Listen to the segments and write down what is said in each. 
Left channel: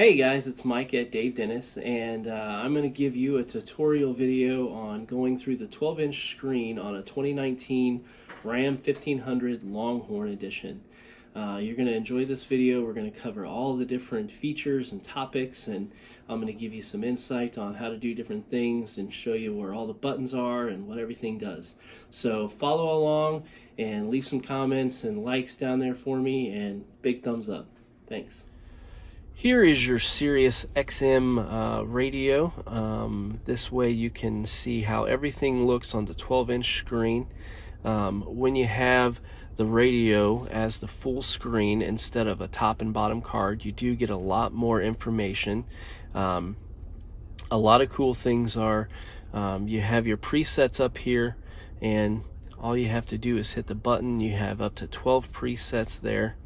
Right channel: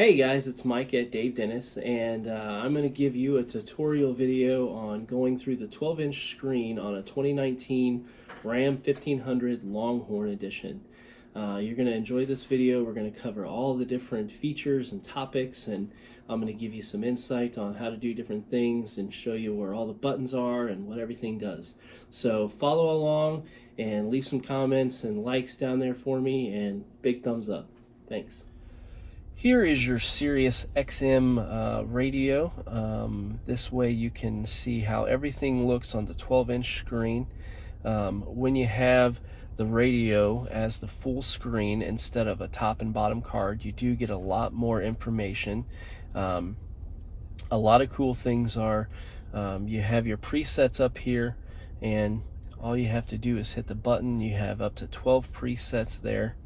Hey guys, it's Mike at Dave Dennis, and I'm going to give you a tutorial video on going through the 12-inch screen on a 2019 Ram 1500 Longhorn Edition. You're going to enjoy this video. We're going to cover all the different features and topics, and I'm going to give you some insight on how to do different things and show you where all the buttons are and what everything does. So follow along and leave some comments and likes down there for me, and big thumbs up. Thanks. Here is your Sirius Xm radio. This way you can see how everything looks on the 12-inch screen. When you have the radio as the full screen instead of a top and bottom card, you do get a lot more information. A lot of cool things are you have your presets up here, and all you have to do is hit the button. You have up to 12 presets there.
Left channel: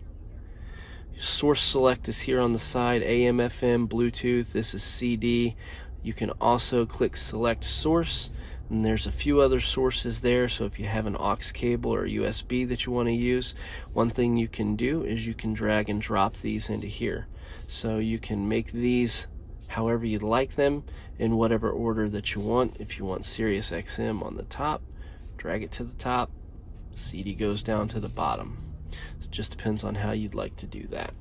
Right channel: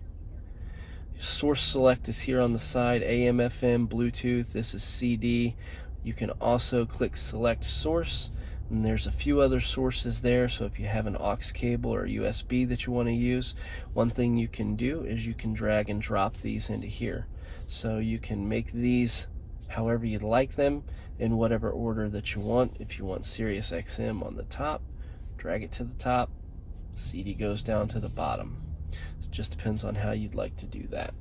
Source select is here on the side, AM, FM, Bluetooth. This is CD. You can also click select source, and there's a few other sources there. So if you have an aux cable or USB that you want to use, one thing you can do is you can drag and drop these into here. So you can make these however you'd like them in whatever order that you want. If you want Sirius XM on the top, drag it to the top. CD goes down to the bottom. It just depends on how you'd like to do that.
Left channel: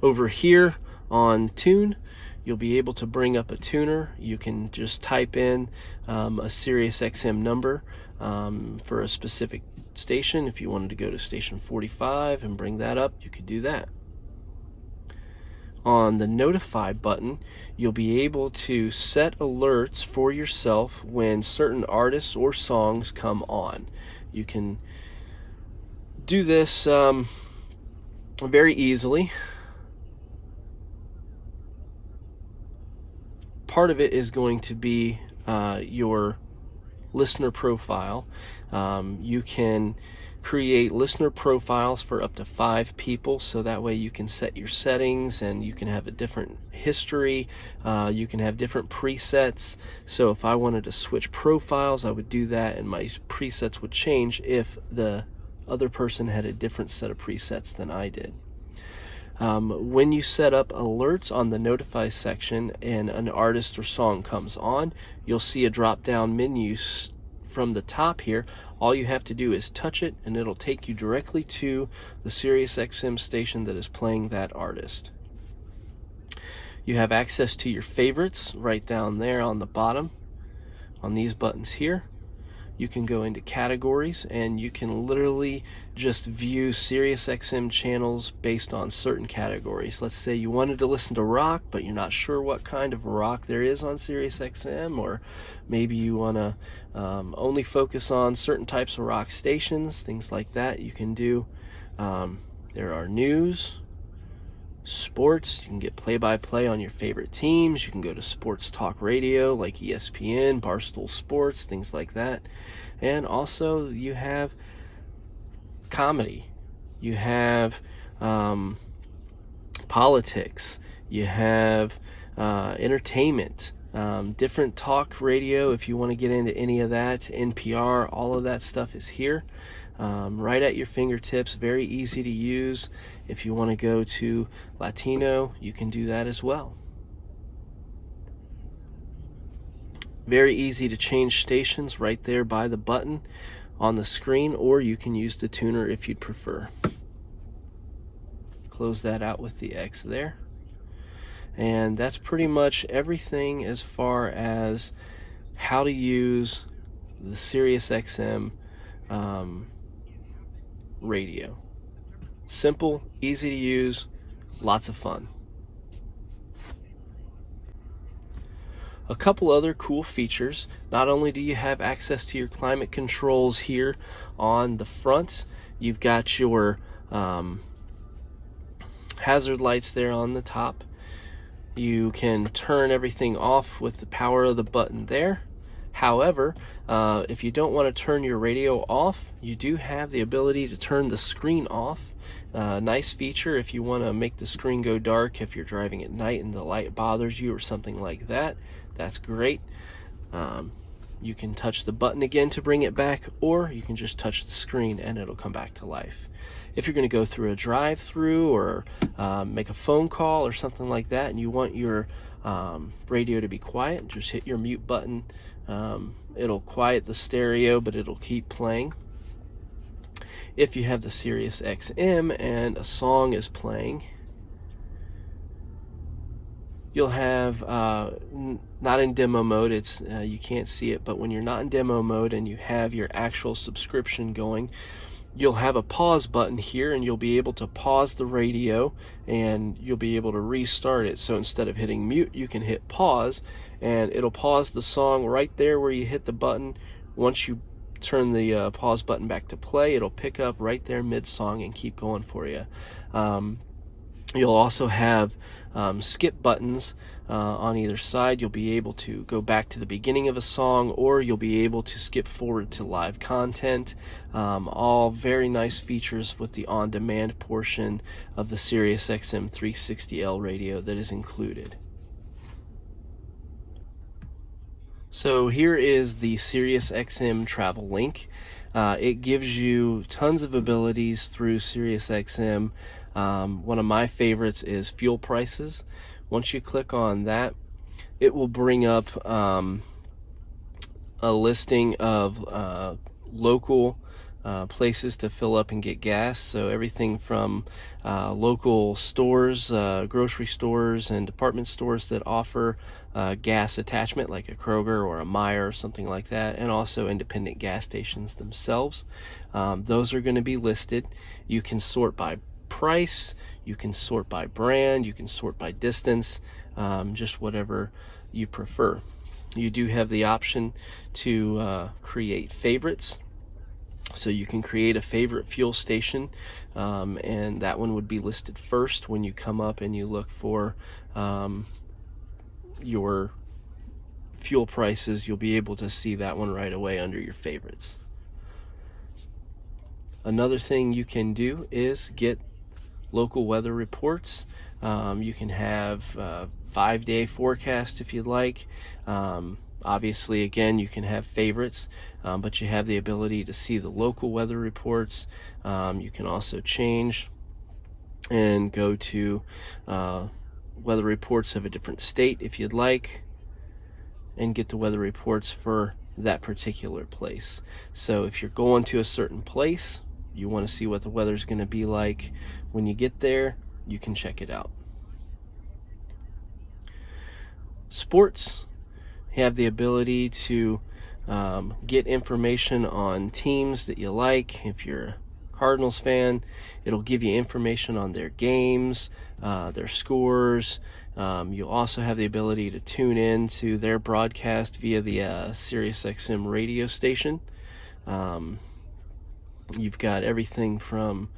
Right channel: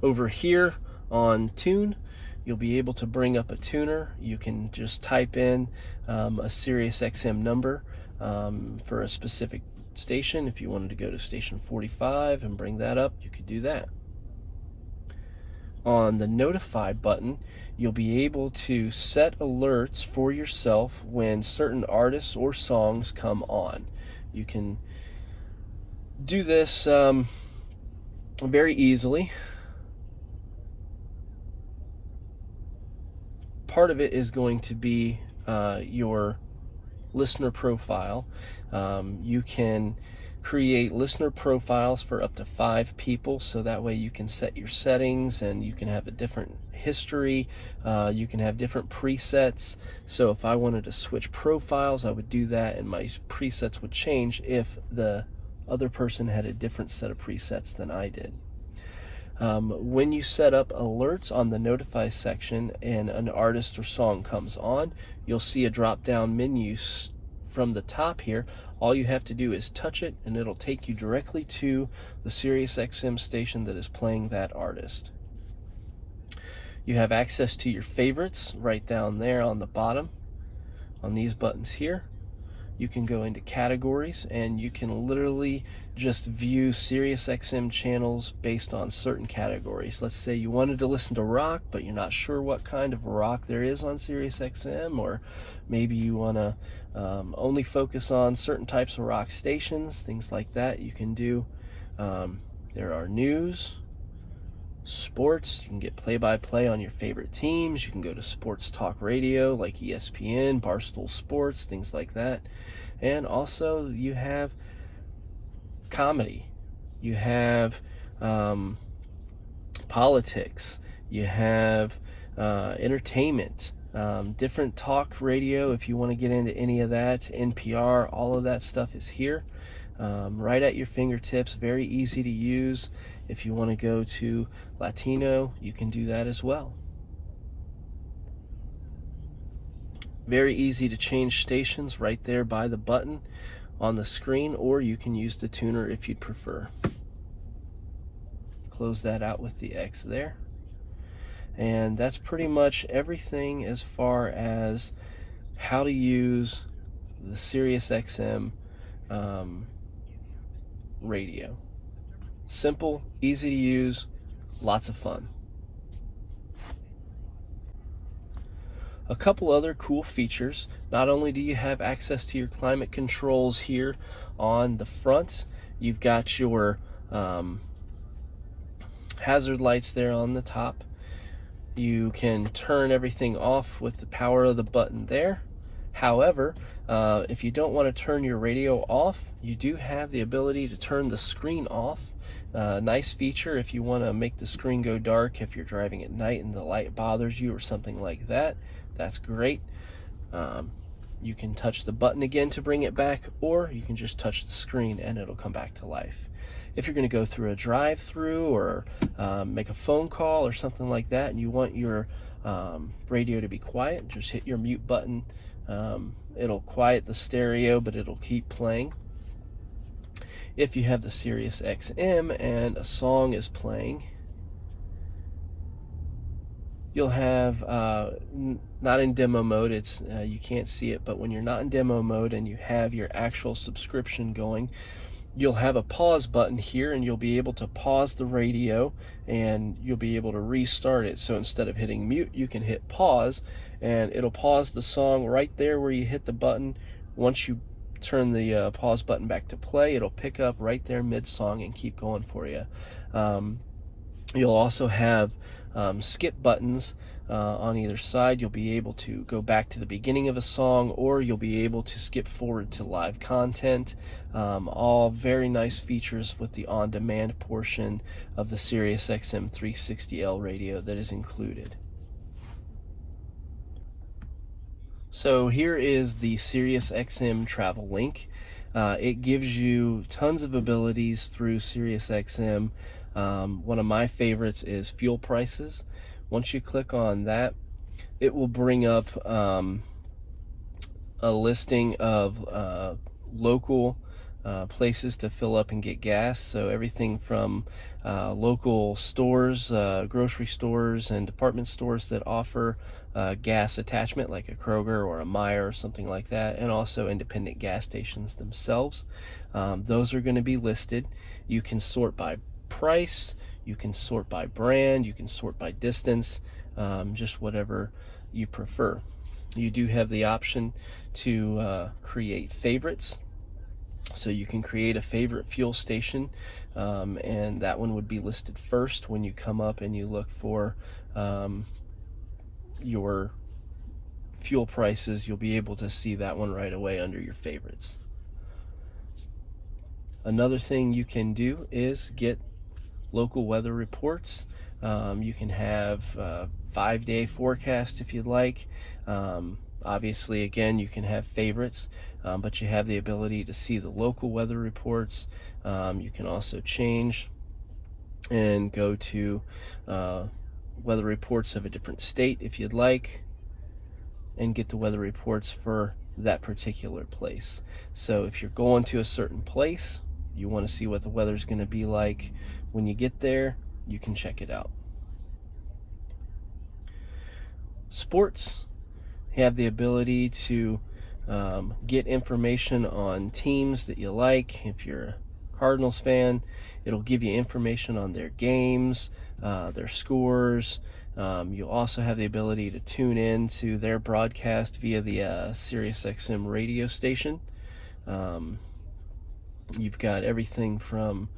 Over here on tune, you'll be able to bring up a tuner. You can just type in a Sirius XM number for a specific station. If you wanted to go to station 45 and bring that up, you could do that. On the notify button, you'll be able to set alerts for yourself when certain artists or songs come on. You can do this very easily. Part of it is going to be your listener profile. You can create listener profiles for up to 5 people, so that way you can set your settings and you can have a different history. You can have different presets. So if I wanted to switch profiles, I would do that, and my presets would change if the other person had a different set of presets than I did. When you set up alerts on the notify section and an artist or song comes on, you'll see a drop down menu from the top here. All you have to do is touch it, and it'll take you directly to the Sirius XM station that is playing that artist. You have access to your favorites right down there on the bottom on these buttons here. You can go into categories, and you can literally just view Sirius XM channels based on certain categories. Let's say you wanted to listen to rock, but you're not sure what kind of rock there is on Sirius XM, or maybe you want to only focus on certain types of rock stations, things like that you can do. There are news, sports. You can get play-by-play on your favorite teams. You can go to sports talk radio like ESPN, Barstool Sports, things like that. And also you have comedy, you have politics, you have entertainment, different talk radio if you want to get into any of that, NPR, all of that stuff is here. Right at your fingertips, very easy to use. If you want to go to Latino, you can do that as well. Very easy to change stations right there by the button on the screen, or you can use the tuner if you'd prefer. Close that out with the X there. And that's pretty much everything as far as how to use the Sirius XM radio. Simple, easy to use, lots of fun. A couple other cool features. Not only do you have access to your climate controls here on the front, you've got your hazard lights there on the top. You can turn everything off with the power of the button there. However, if you don't want to turn your radio off, you do have the ability to turn the screen off. Nice feature if you want to make the screen go dark if you're driving at night and the light bothers you or something like that. That's great. You can touch the button again to bring it back, or you can just touch the screen and it'll come back to life. if you're going to go through a drive-through or make a phone call or something like that, and you want your radio to be quiet, just hit your mute button. It'll quiet the stereo, but it'll keep playing. If you have the Sirius XM and a song is playing, you'll have, not in demo mode, it's you can't see it, but when you're not in demo mode and you have your actual subscription going, you'll have a pause button here, and you'll be able to pause the radio and you'll be able to restart it. So instead of hitting mute, you can hit pause, and it'll pause the song right there where you hit the button. Once you turn the pause button back to play, it'll pick up right there mid-song and keep going for you. You'll also have skip buttons on either side. You'll be able to go back to the beginning of a song, or you'll be able to skip forward to live content. All very nice features with the on-demand portion of the Sirius XM 360L radio that is included. So here is the Sirius XM travel link. It gives you tons of abilities through Sirius XM. One of my favorites is fuel prices. Once you click on that, it will bring up a listing of local places to fill up and get gas. So everything from local stores, grocery stores, and department stores that offer gas attachment, like a Kroger or a Meijer or something like that, and also independent gas stations themselves. Those are going to be listed. You can sort by price, you can sort by brand, you can sort by distance, just whatever you prefer. You do have the option to create favorites. So you can create a favorite fuel station, and that one would be listed first when you come up and you look for your fuel prices. You'll be able to see that one right away under your favorites. Another thing you can do is get local weather reports. You can have 5-day forecast if you'd like. Obviously, again, you can have favorites, but you have the ability to see the local weather reports. You can also change and go to weather reports of a different state if you'd like, and get the weather reports for that particular place. So if you're going to a certain place, you want to see what the weather's going to be like when you get there, you can check it out. Sports have the ability to get information on teams that you like. If you're a Cardinals fan, it'll give you information on their games, their scores. You'll also have the ability to tune in to their broadcast via the Sirius Xm radio station. You've got everything from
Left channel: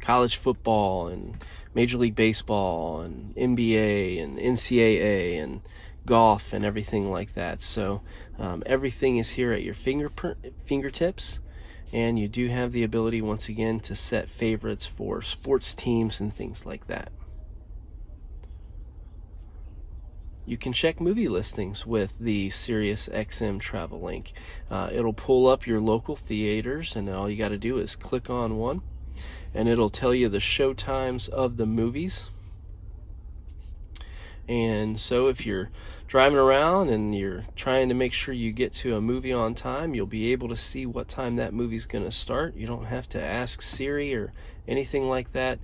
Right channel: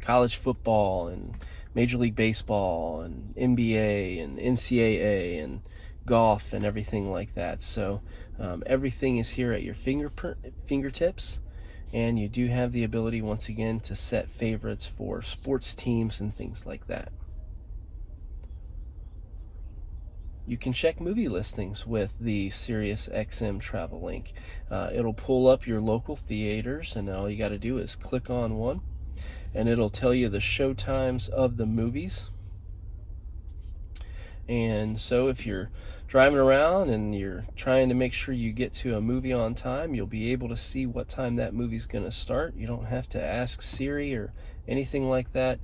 college football and Major League Baseball and NBA and NCAA and golf and everything like that. So everything is here at your fingertips, and you do have the ability, once again, to set favorites for sports teams and things like that. You can check movie listings with the Sirius XM travel link. It'll pull up your local theaters, and all you got to do is click on one, and it'll tell you the show times of the movies. And so if you're driving around and you're trying to make sure you get to a movie on time, you'll be able to see what time that movie's going to start. You don't have to ask Siri or anything like that.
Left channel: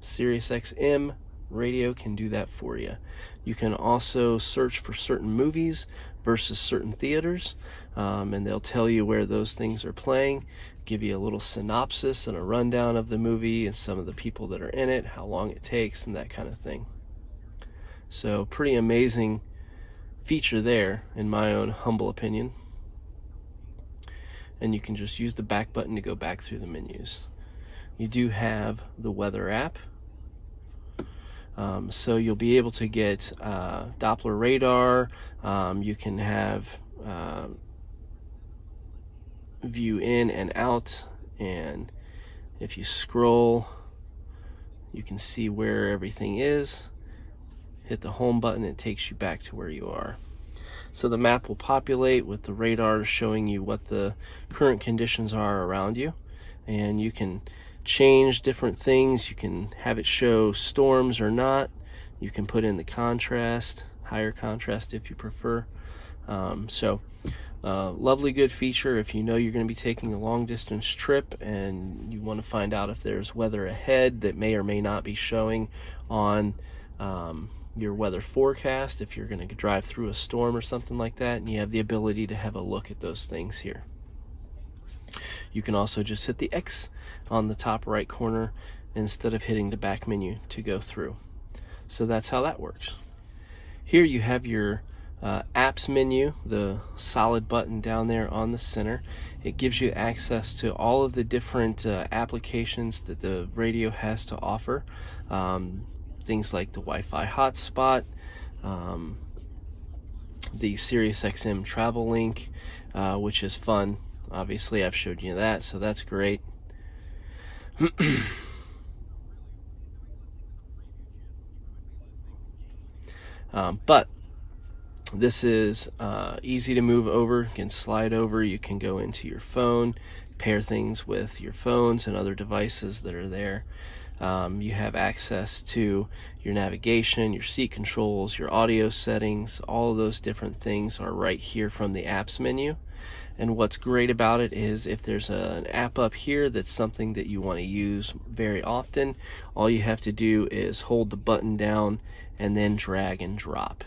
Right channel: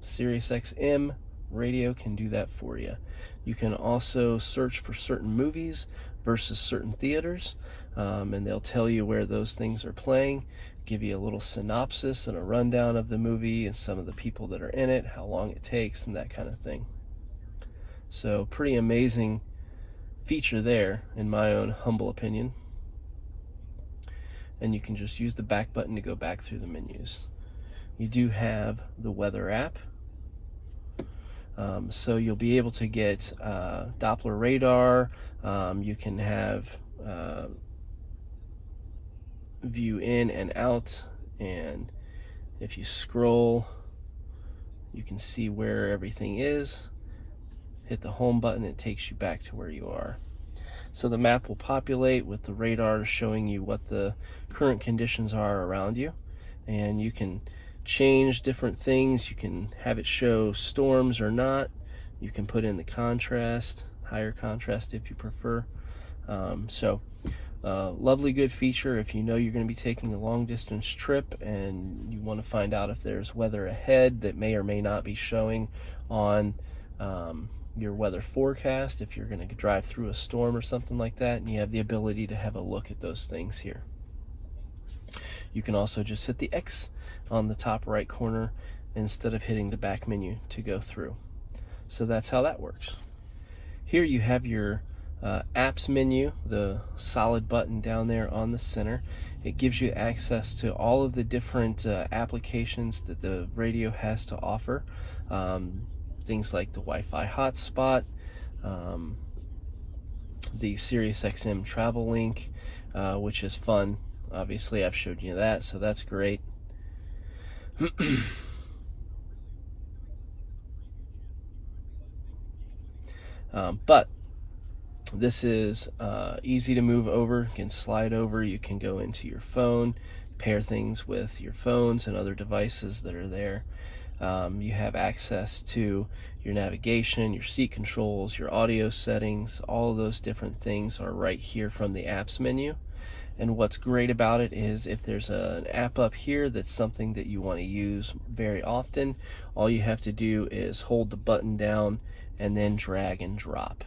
Sirius XM Radio can do that for you. You can also search for certain movies versus certain theaters, and they'll tell you where those things are playing, give you a little synopsis and a rundown of the movie and some of the people that are in it, how long it takes, and that kind of thing. So pretty amazing feature there, in my own humble opinion. And you can just use the back button to go back through the menus. You do have the weather app. So you'll be able to get Doppler radar. You can have view in and out, and if you scroll, you can see where everything is. Hit the home button, it takes you back to where you are. So the map will populate with the radar showing you what the current conditions are around you, and you can change different things. You can have it show storms or not. You can put in the contrast, higher contrast if you prefer. Lovely good feature if you know you're going to be taking a long distance trip and you want to find out if there's weather ahead that may or may not be showing on your weather forecast, if you're going to drive through a storm or something like that, and you have the ability to have a look at those things here. You can also just hit the X on the top right corner instead of hitting the back menu to go through. So that's how that works. Here you have your apps menu, the solid button down there on the center. It gives you access to all of the different applications that the radio has to offer. Things like the Wi-Fi hotspot, the Sirius Xm travel link, which is fun. Obviously, I've showed you that, so that's great. But this is easy to move over. You can slide over. You can go into your phone, pair things with your phones and other devices that are there. You have access to your navigation, your seat controls, your audio settings. All of those different things are right here from the apps menu. And what's great about it is if there's an app up here that's something that you want to use very often, all you have to do is hold the button down and then drag and drop.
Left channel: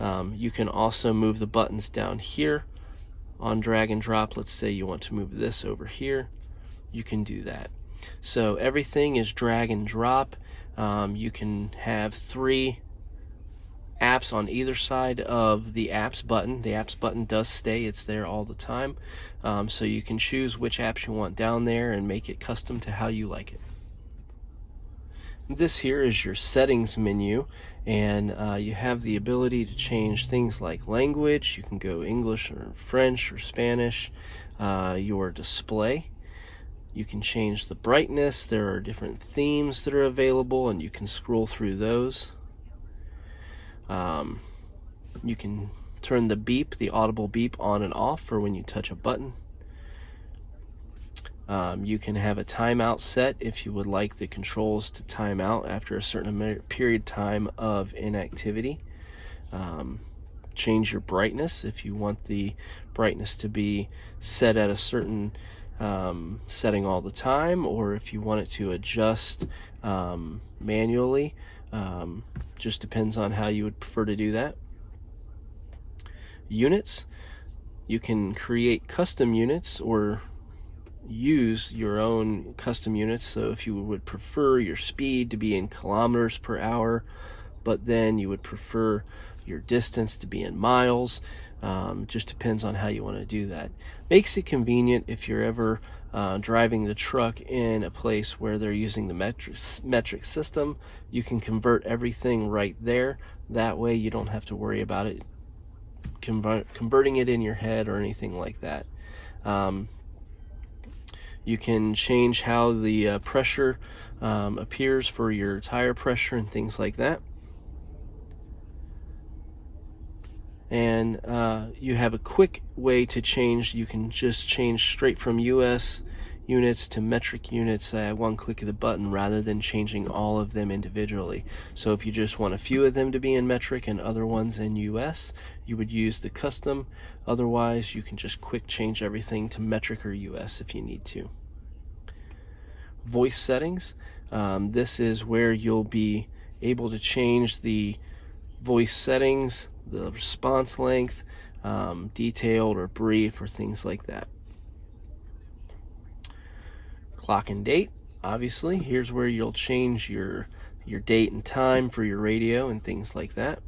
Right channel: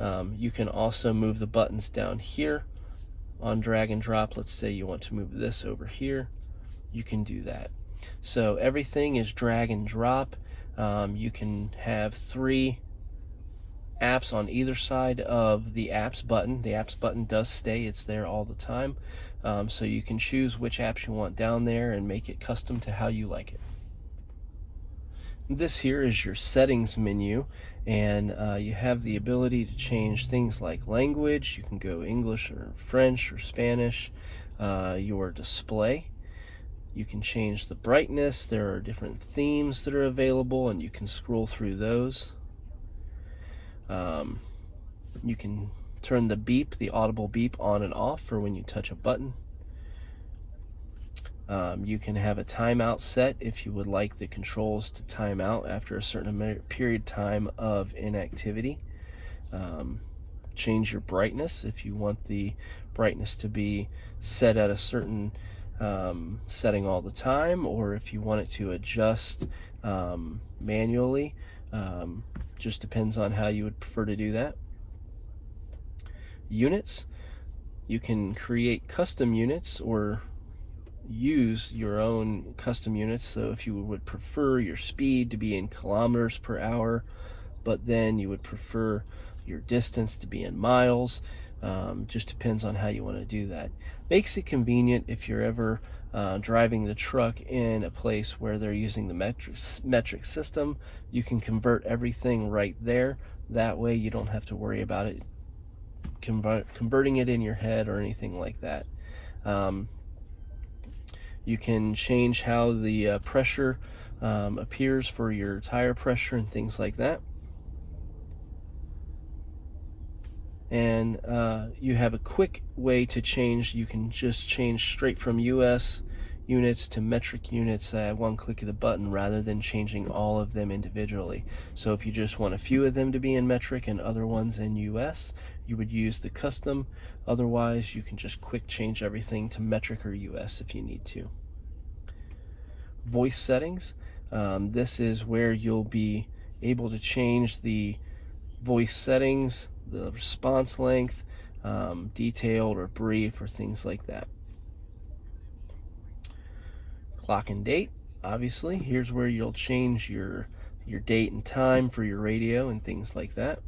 You can also move the buttons down here on drag and drop. Let's say you want to move this over here. You can do that. So everything is drag and drop. You can have 3 apps on either side of the apps button. The apps button does stay, it's there all the time. So you can choose which apps you want down there and make it custom to how you like it. This here is your settings menu, and you have the ability to change things like language. You can go English or French or Spanish. Your display. You can change the brightness. There are different themes that are available, and you can scroll through those. You can turn the beep, the audible beep, on and off for when you touch a button. You can have a timeout set if you would like the controls to time out after a certain period of time of inactivity. Change your brightness if you want the brightness to be set at a certain setting all the time, or if you want it to adjust manually. Just depends on how you would prefer to do that. Units. You can create custom units or use your own custom units. So if you would prefer your speed to be in kilometers per hour, but then you would prefer your distance to be in miles, just depends on how you want to do that. Makes it convenient if you're ever driving the truck in a place where they're using the metric system. You can convert everything right there. That way you don't have to worry about it converting it in your head or anything like that. You can change how the pressure appears for your tire pressure and things like that. And you have a quick way to change. You can just change straight from US units to metric units at one click of the button rather than changing all of them individually. So if you just want a few of them to be in metric and other ones in US, you would use the custom. Otherwise, you can just quick change everything to metric or US if you need to. Voice settings. This is where you'll be able to change the voice settings, the response length, detailed or brief or things like that. Clock and date, obviously. Here's where you'll change your date and time for your radio and things like that.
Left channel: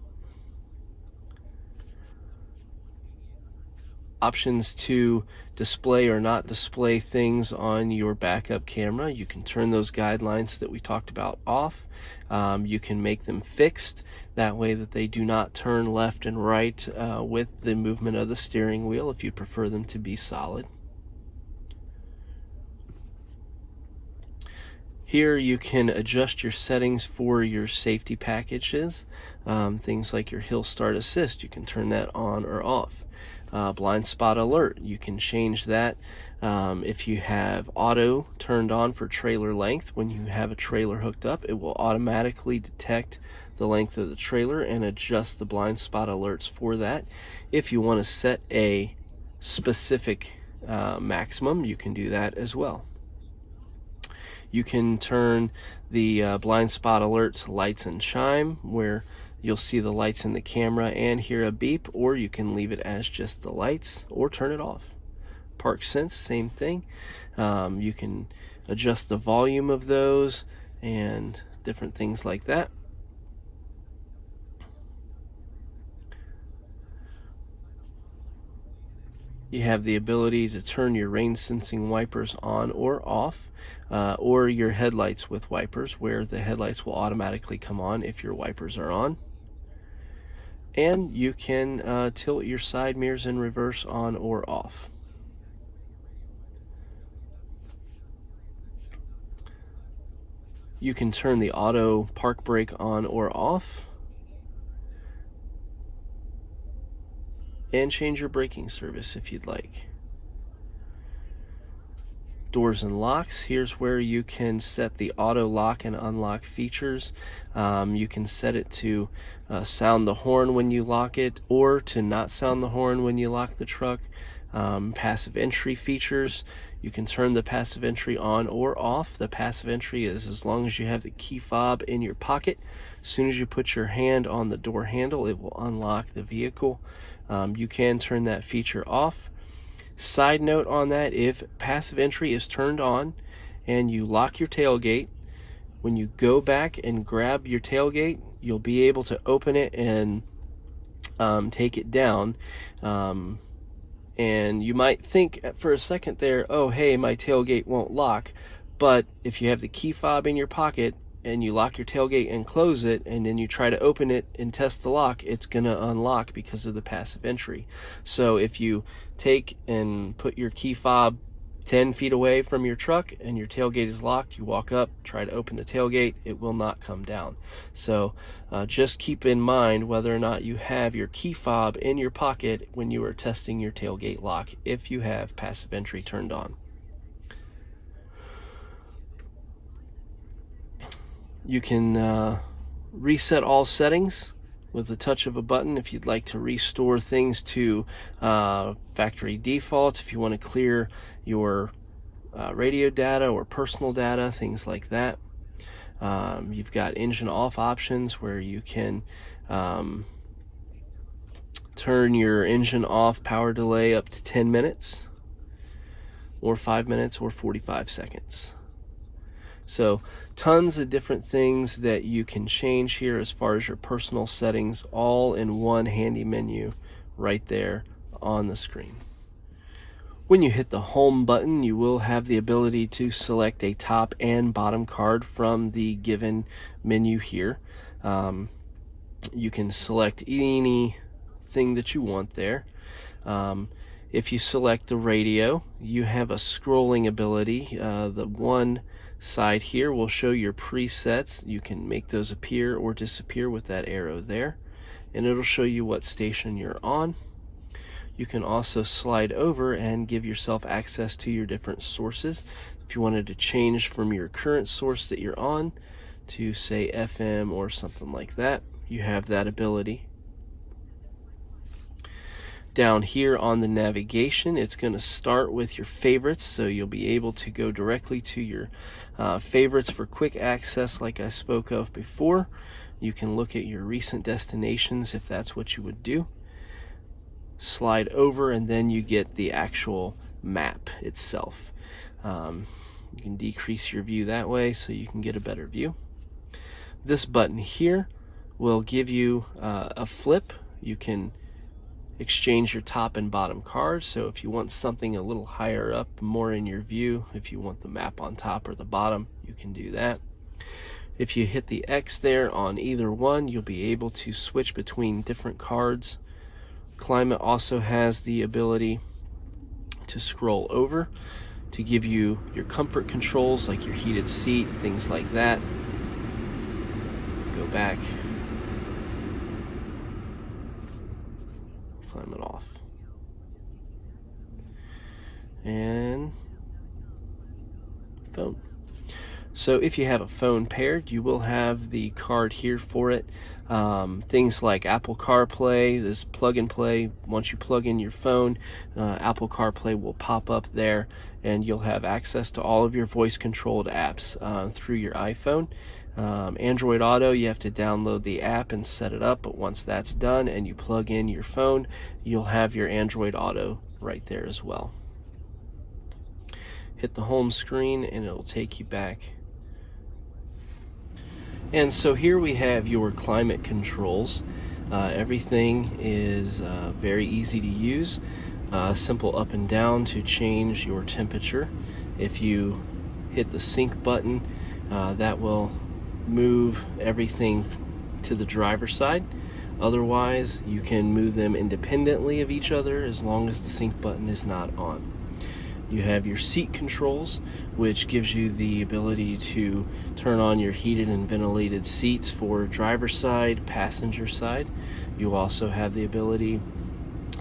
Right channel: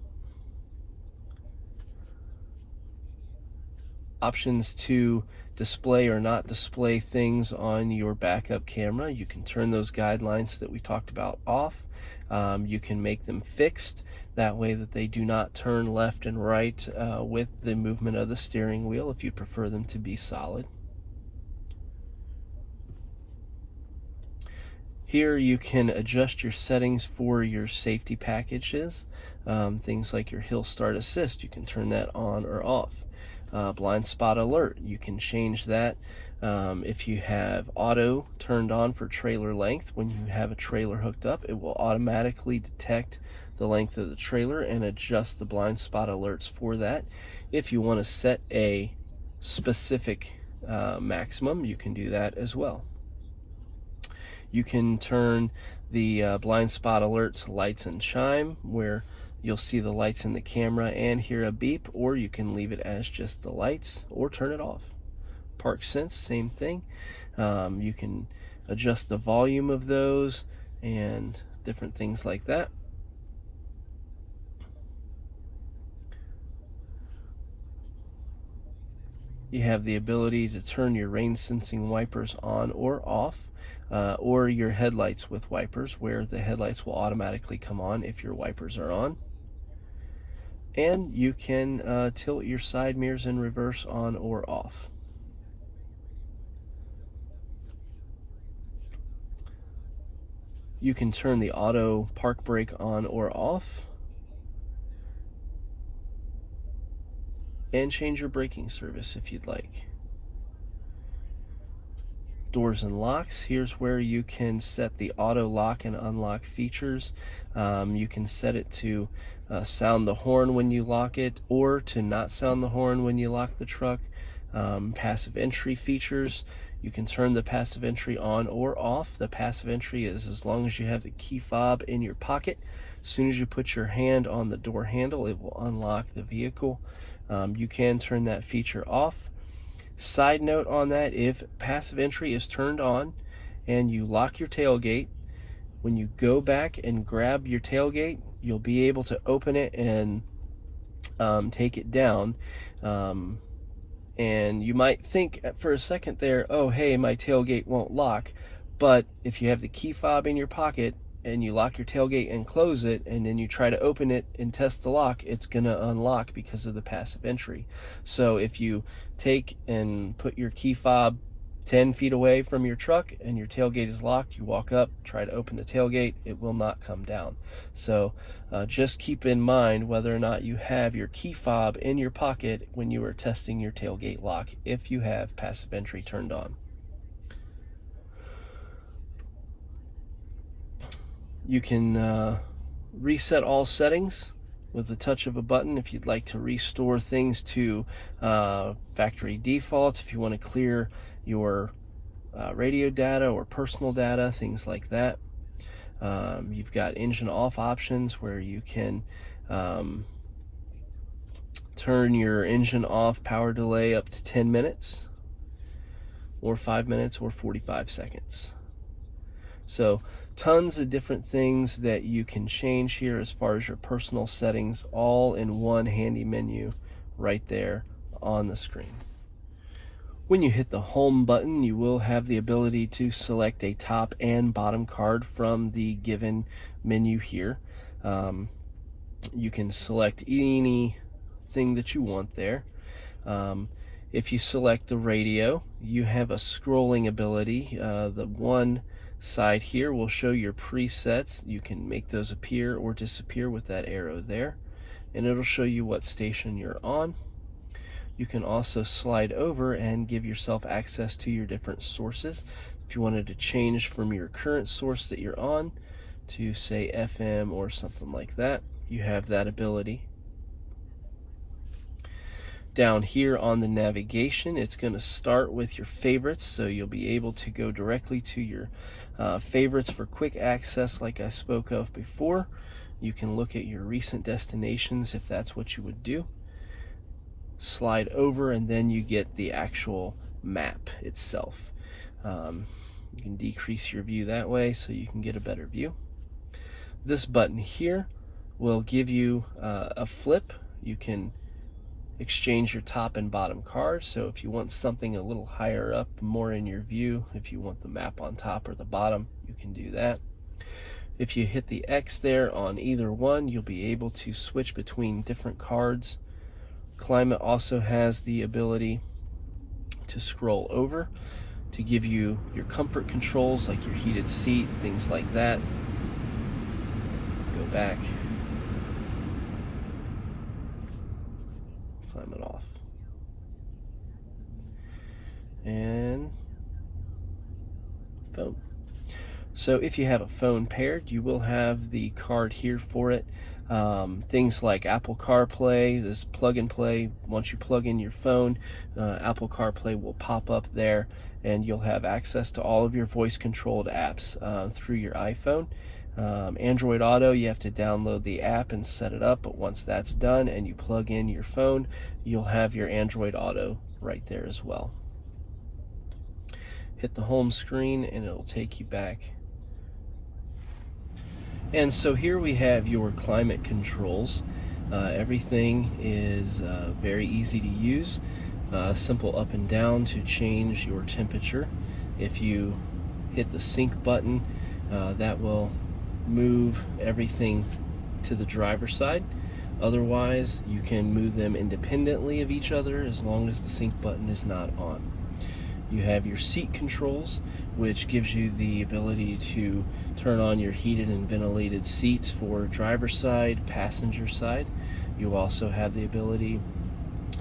Options to display or not display things on your backup camera. You can turn those guidelines that we talked about off. You can make them fixed, that way that they do not turn left and right with the movement of the steering wheel if you prefer them to be solid. Here you can adjust your settings for your safety packages. Things like your hill start assist, you can turn that on or off. Blind spot alert, you can change that If you have auto turned on for trailer length, when you have a trailer hooked up, it will automatically detect the length of the trailer and adjust the blind spot alerts for that. If you want to set a specific maximum, you can do that as well. You can turn the blind spot alerts lights and chime, where you'll see the lights in the camera and hear a beep, or you can leave it as just the lights or turn it off. Park sense, same thing. You can adjust the volume of those and different things like that. You have the ability to turn your rain sensing wipers on or off, or your headlights with wipers, where the headlights will automatically come on if your wipers are on. And you can tilt your side mirrors in reverse on or off. You can turn the auto park brake on or off, and change your braking service if you'd like. Doors and locks, here's where you can set the auto lock and unlock features. You can set it to sound the horn when you lock it, or to not sound the horn when you lock the truck. Passive entry features, you can turn the passive entry on or off. The passive entry is as long as you have the key fob in your pocket. As soon as you put your hand on the door handle, it will unlock the vehicle. You can turn that feature off. Side note on that, if passive entry is turned on and you lock your tailgate, when you go back and grab your tailgate, you'll be able to open it and take it down. And you might think for a second there, oh hey, my tailgate won't lock. But if you have the key fob in your pocket and you lock your tailgate and close it, and then you try to open it and test the lock, it's gonna unlock because of the passive entry. So if you take and put your key fob 10 feet away from your truck and your tailgate is locked, you walk up, try to open the tailgate, it will not come down. So just keep in mind whether or not you have your key fob in your pocket when you are testing your tailgate lock, if you have passive entry turned on. You can reset all settings with the touch of a button if you'd like to restore things to factory defaults, if you want to clear your radio data or personal data, things like that. You've got engine off options where you can turn your engine off power delay up to 10 minutes or 5 minutes or 45 seconds. So tons of different things that you can change here as far as your personal settings, all in one handy menu right there on the screen. When you hit the home button, you will have the ability to select a top and bottom card from the given menu here. You can select anything that you want there. If you select the radio, you have a scrolling ability. The one side here will show your presets. You can make those appear or disappear with that arrow there, and it'll show you what station you're on. You can also slide over and give yourself access to your different sources. If you wanted to change from your current source that you're on to, say, FM or something like that, you have that ability. Down here on the navigation, it's going to start with your favorites, so you'll be able to go directly to your favorites for quick access like I spoke of before. You can look at your recent destinations if that's what you would do. Slide over and then you get the actual map itself. You can decrease your view that way so you can get a better view. This button here will give you a flip. You can exchange your top and bottom cards. So if you want something a little higher up, more in your view, if you want the map on top or the bottom, you can do that. If you hit the X there on either one, you'll be able to switch between different cards. Climate also has the ability to scroll over to give you your comfort controls, like your heated seat, things like that. Go back. Climate off. And phone. So if you have a phone paired, you will have the card here for it. Things like Apple Carplay, this plug and play. Once you plug in your phone, Apple Carplay will pop up there, and you'll have access to all of your voice controlled apps through your iPhone. Android Auto, you have to download the app and set it up, but once that's done and you plug in your phone, you'll have your Android Auto right there as well. Hit the home screen and it'll take you back. And so here we have your climate controls. Everything is very easy to use. Simple up and down to change your temperature. If you hit the sync button, that will move everything to the driver's side. Otherwise, you can move them independently of each other as long as the sync button is not on. You have your seat controls, which gives you the ability to turn on your heated and ventilated seats for driver's side, passenger side. You also have the ability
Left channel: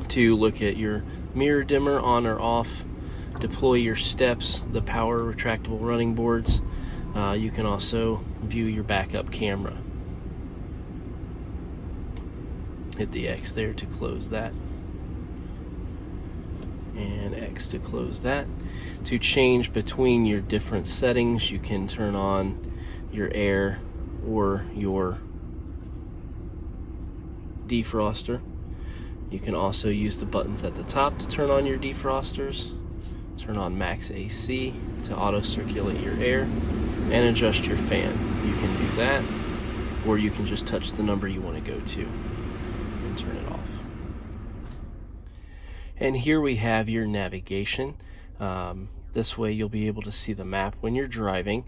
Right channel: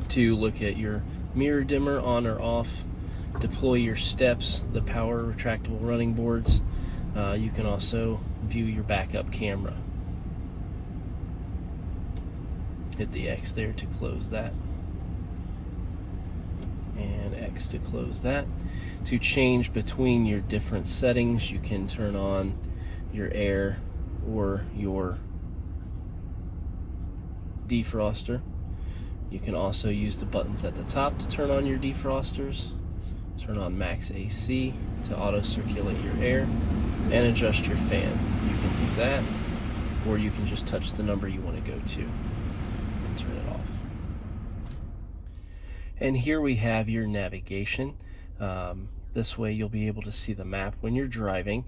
to look at your mirror dimmer on or off, deploy your steps, the power retractable running boards. You can also view your backup camera. Hit the X there to close that, and X to close that. To change between your different settings, you can turn on your air or your defroster. You can also use the buttons at the top to turn on your defrosters, turn on max AC to auto circulate your air, and adjust your fan. You can do that, or you can just touch the number you want to go to and turn it off. And here we have your navigation. This way you'll be able to see the map when you're driving.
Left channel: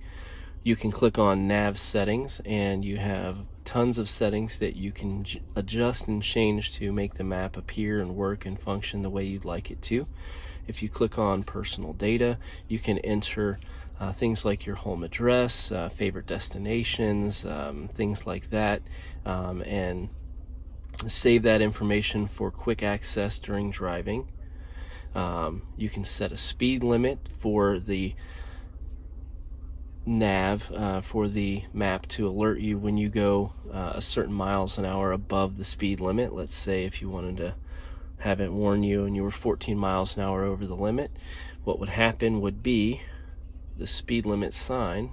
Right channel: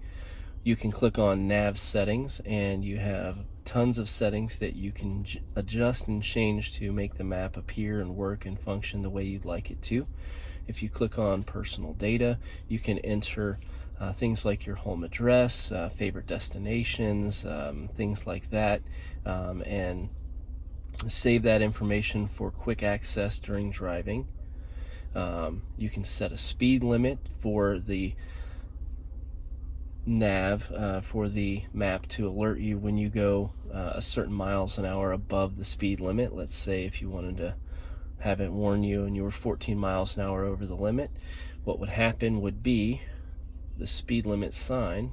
You can click on nav settings, and you have tons of settings that you can adjust and change to make the map appear and work and function the way you'd like it to. If you click on personal data, you can enter things like your home address, favorite destinations, things like that, and save that information for quick access during driving. You can set a speed limit for the nav, for the map to alert you when you go a certain miles an hour above the speed limit. Let's say if you wanted to have it warn you and you were 14 miles an hour over the limit, what would happen would be the speed limit sign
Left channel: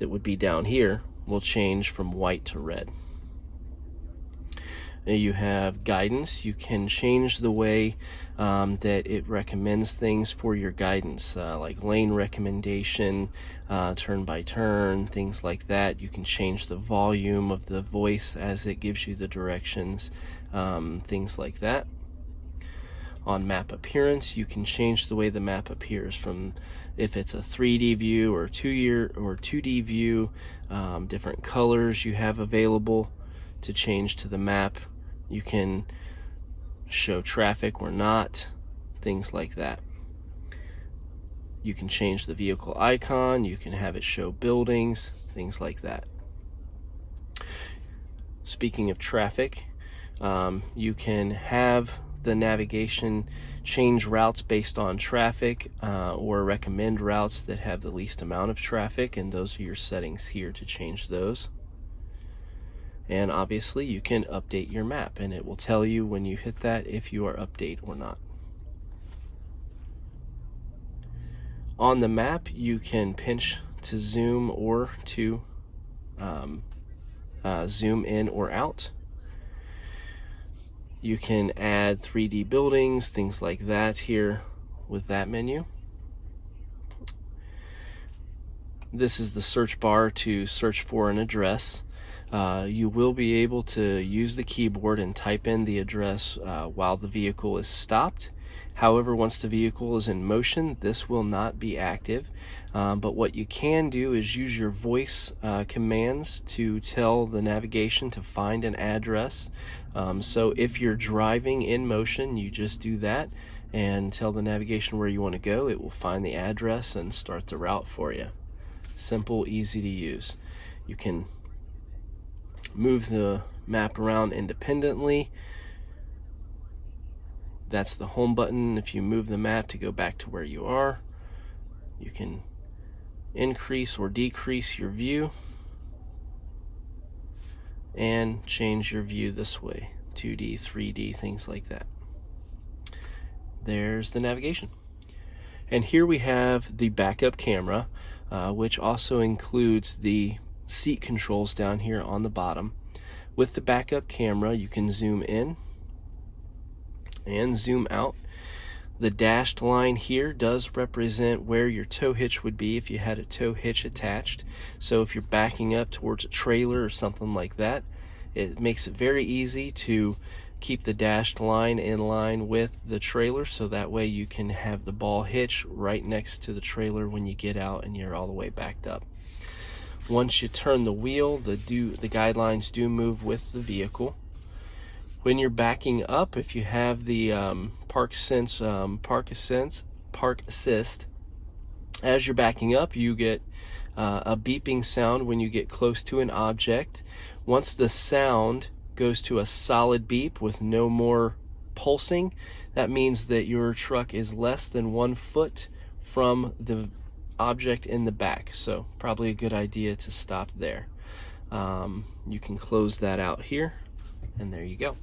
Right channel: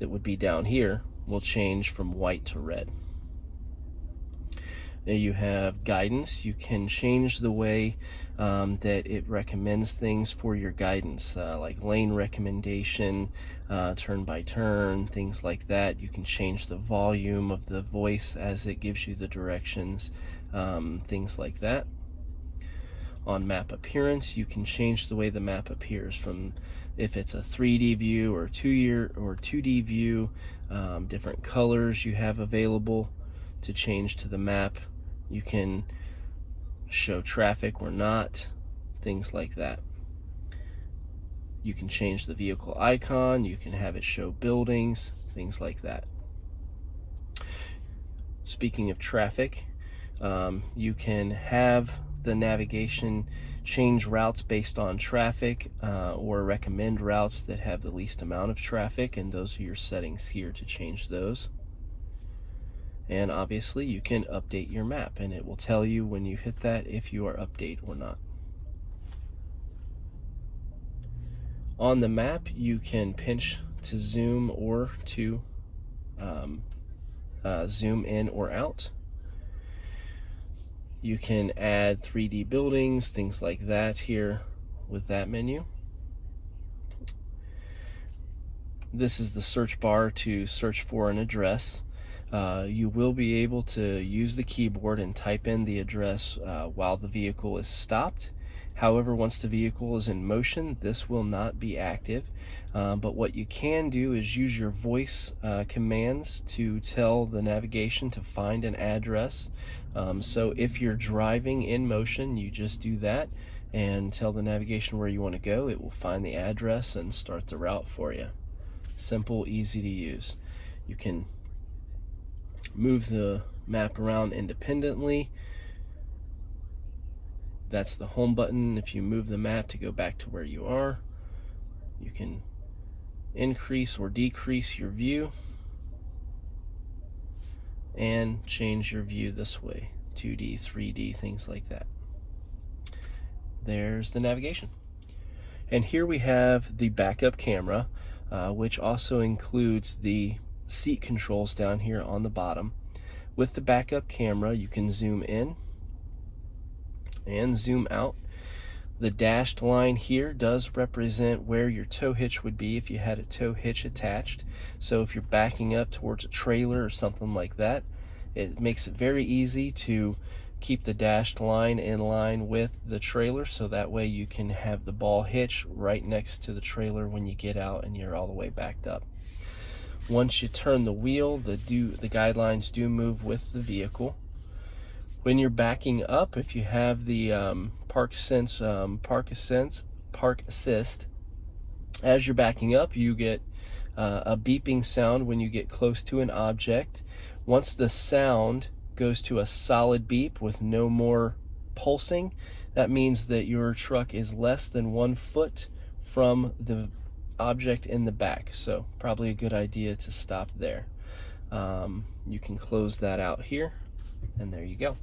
that would be down here will change from white to red. Now you have guidance. You can change the way that it recommends things for your guidance, like lane recommendation, turn by turn, things like that. You can change the volume of the voice as it gives you the directions, things like that. On map appearance, you can change the way the map appears, from if it's a 3D view or 2D view, different colors you have available to change to the map. You can show traffic or not, things like that. You can change the vehicle icon, you can have it show buildings, things like that. Speaking of traffic, you can have the navigation change routes based on traffic, or recommend routes that have the least amount of traffic, and those are your settings here to change those. And obviously you can update your map, and it will tell you when you hit that if you are update or not. On the map, you can pinch to zoom or to zoom in or out. You can add 3D buildings, things like that here with that menu. This is the search bar to search for an address. You will be able to use the keyboard and type in the address while the vehicle is stopped. However, once the vehicle is in motion, this will not be active. But what you can do is use your voice commands to tell the navigation to find an address. So if you're driving in motion, you just do that and tell the navigation where you want to go. It will find the address and start the route for you. Simple, easy to use. You can move the map around independently. That's the home button. If you move the map to go back to where you are, you can increase or decrease your view, and change your view this way, 2D, 3D, things like that. There's the navigation. And here we have the backup camera, which also includes the seat controls down here on the bottom. With the backup camera, you can zoom in and zoom out. The dashed line here does represent where your tow hitch would be if you had a tow hitch attached. So if you're backing up towards a trailer or something like that, it makes it very easy to keep the dashed line in line with the trailer, so that way you can have the ball hitch right next to the trailer when you get out and you're all the way backed up. Once you turn the wheel, the guidelines do move with the vehicle. When you're backing up, if you have the park assist, as you're backing up, you get a beeping sound when you get close to an object. Once the sound goes to a solid beep with no more pulsing, that means that your truck is less than 1 foot from the object in the back, so probably a good idea to stop there. You can close that out here, and there you go.